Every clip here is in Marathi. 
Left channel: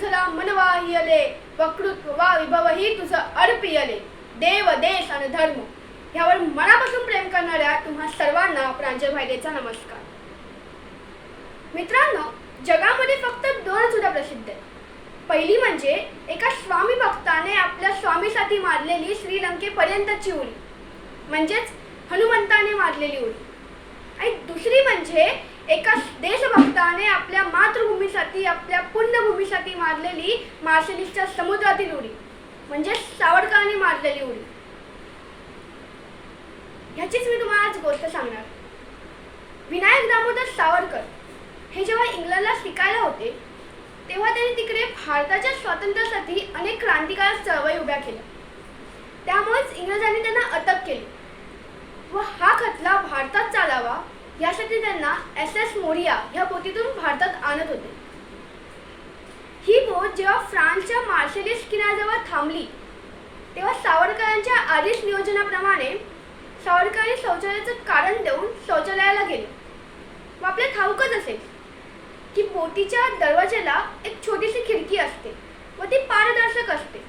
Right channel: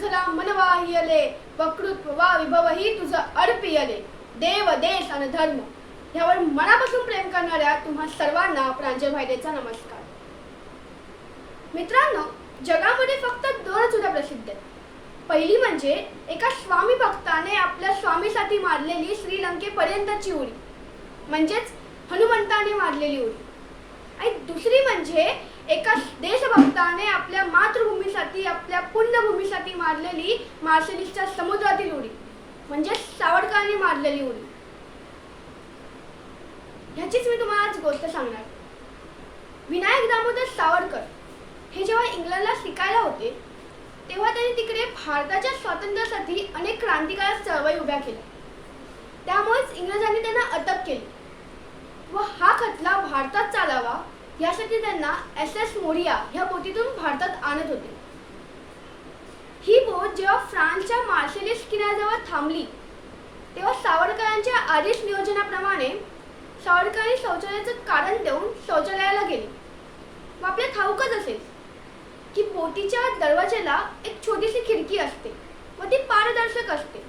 तुझला मन वाहियले वकृत्व वा विभवही तुझं अर्पियले देव देश आणि धर्म यावर मनापासून प्रेम करणाऱ्या तुम्हा सर्वांना प्रांजय भायदेचा नमस्कार. मित्रांनो जगामध्ये फक्त दोन सुद्धा प्रसिद्ध आहेत. पहिली म्हणजे एका स्वामी भक्ताने आपल्या स्वामीसाठी मारलेली श्रीलंकेपर्यंतची उडी. म्हणजेच हनुमंताने मारलेली उडी. आणि दुसरी म्हणजे एका देशभक्ताने आपल्या मातृभूमीसाठी आपल्या पुण्यभूमीसाठी मारलेली मार्शलिस्टच्या समुद्रातील उडी म्हणजे सावरकरांनी मारलेली उडी. ह्याचीच मी तुम्हाला आज गोष्ट सांगणार. विनायक दामोदर सावरकर हे जेव्हा इंग्लंडला शिकायला होते तेव्हा त्यांनी तिकडे भारताच्या स्वातंत्र्यासाठी अनेक क्रांतिकारक चळवळी उभ्या केल्या. त्यामुळेच इंग्रजांनी त्यांना अटक केली. व हा खटला भारतात चालावा यासाठी त्यांना एस एस मोरिया ह्या बोटीतून भारतात आणत होते. जेव्हा फ्रान्सच्या मार्शलिस किनाऱ्याजवळ थांबली तेव्हा सावरकरांच्या आधीच नियोजनाप्रमाणे सावरकरांनी शौचालयाचं कारण देऊन शौचालयाला गेले. व आपल्या ठाऊकच असेल की बोटीच्या दरवाज्याला एक छोटीशी खिडकी असते व ती पारदर्शक असते.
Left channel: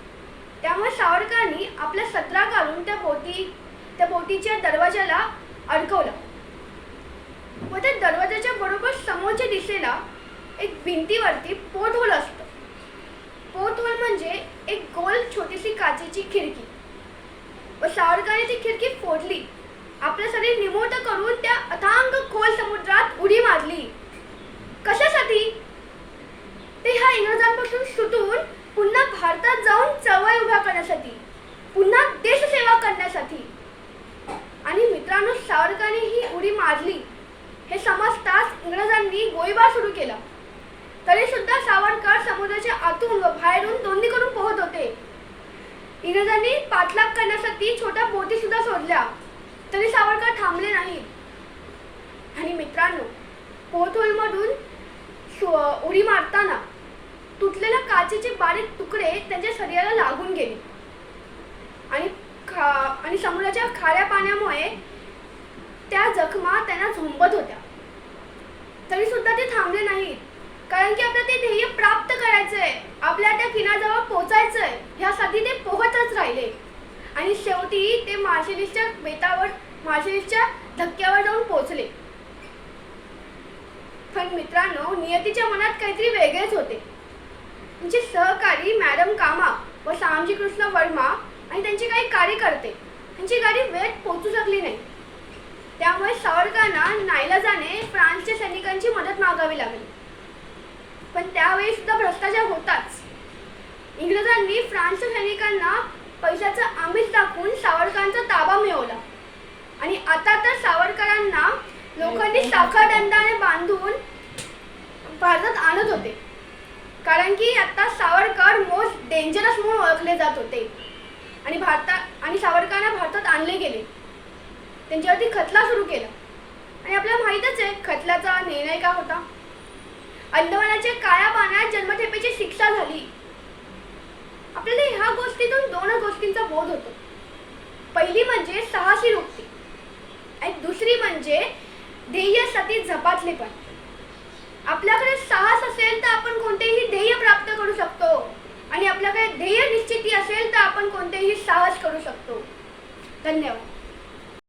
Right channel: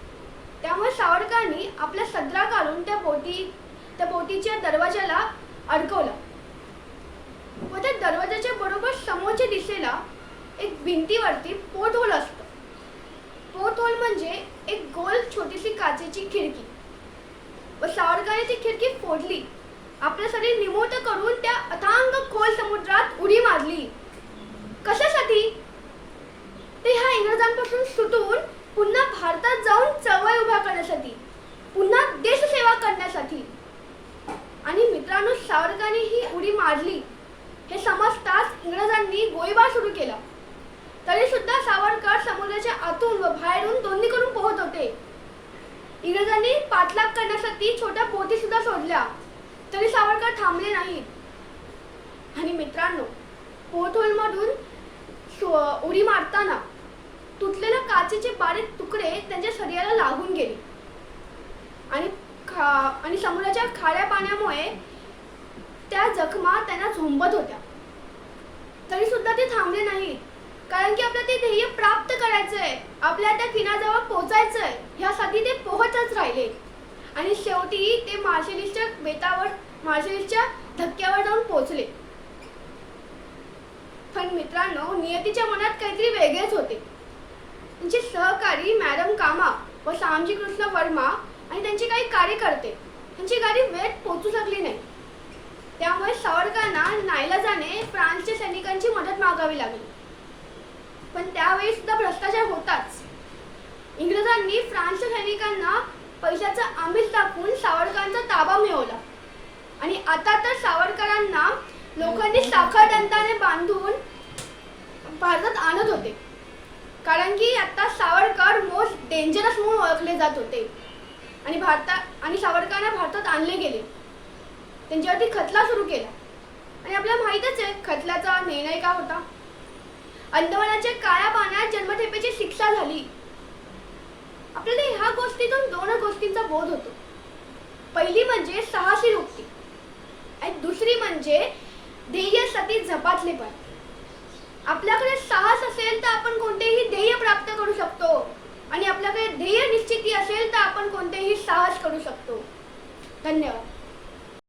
त्यामुळे सावरकरांनी आपला सदरा काढून त्या बोटी त्या बोटीच्या दरवाजाला अडकवला. व त्या दरवाजाच्या बरोबर समोरच्या दिशेला एक भिंतीवरती पोट होल असतं. पोट होल म्हणजे एक गोल छोटीशी काचेची खिडकी. व सावरकाने ती खिडकी फोडली. आपलं शरीर निमूत करून त्या अथांग खोल समुद्रात उडी मारली. कशासाठी? ते ह्या इंग्रजांपासून सुटून पुन्हा भारतात जाऊन चळवळ उभ्या करण्यासाठी पुन्हा देशसेवा करण्यासाठी. आणि मित्रांनो सावरकरांनी ही उडी मारली. हे समजताच इंग्रजांनी गोळीबार सुरू केला. तरी सुद्धा सावरकर समुद्राच्या आतून व बाहेरून दोन्ही करून पोहत होते. इंग्रजांनी पाठलाग करण्यासाठी छोट्या बोटी सुद्धा सोडल्या. तरी सावरकर थांबले नाहीत. आणि मित्रांनो पोर्टहोलमधून सु- उडी मारताना तुटलेल्या काचेचे बारीक तुकडे त्यांच्या शरीराला लागून गेले. आणि खा आणि समुद्राच्या खाऱ्या पाण्यामुळे त्या जखमा त्यांना झोंबत होत्या. तरी सुद्धा ते थांबले नाहीत. कारण की आपल्याला ते ध्येय प्राप्त करायचंय. आपल्या त्या किनाऱ्याजवळ पोहोचायचंय ह्यासाठी ते पोहतच राहिले. आणि शेवटी ते मार्शलिस्टच्या बेटावर मार्शलिस्टच्या धक्क्यावर जाऊन पोहोचले पण मित्रांनो नियतीच्या मनात काहीतरी वेगळेच होते. त्यांचे सहकारी मॅडम कामा व श्यामजी कृष्ण वर्मा आणि त्यांचे काही कार्यकर्ते त्यांची गाडी वेळेत पोहोचू शकली नाही. त्यामुळे सावरकरांना नाईलाजाने फ्रान्सच्या सैनिकांची मदत मागावी लागली. पण त्यावेळी सुद्धा भ्रष्टाचार होताच. इंग्रजांनी फ्रान्सच्या सैनिकांना पैशाचं आमिष दाखवून सावरकरांचा ताबा मिळवला. आणि आता तर सावरकरांना लोकांनी साखर दंडाने बांधून भारतात आणत होते. कारण की आता सावरकर मोस्ट डेंजरस म्हणून ओळखले जात होते. आणि भारतात आणि सावरकरांना भारतात आणले गेले. त्यांच्यावरती खटला सुरू केला. आणि आपल्याला माहीतच आहे खटल्याचा निर्णय काय होता? अंदमानाच्या काळ्या पाण्यात जन्मठेपेची शिक्षा झाली. आपल्याला ह्या गोष्टीतून दोन गोष्टींचा बोध होतो. पहिली म्हणजे साहसी रुक्ती आणि दुसरी म्हणजे ध्येयासाठी झपाटले पण. आपल्याकडे साहस असेल तर आपण कोणतेही ध्येय प्राप्त करू शकतो. आणि आपल्याकडे ध्येय निश्चिती असेल तर आपण कोणतेही साहस करू शकतो. धन्यवाद.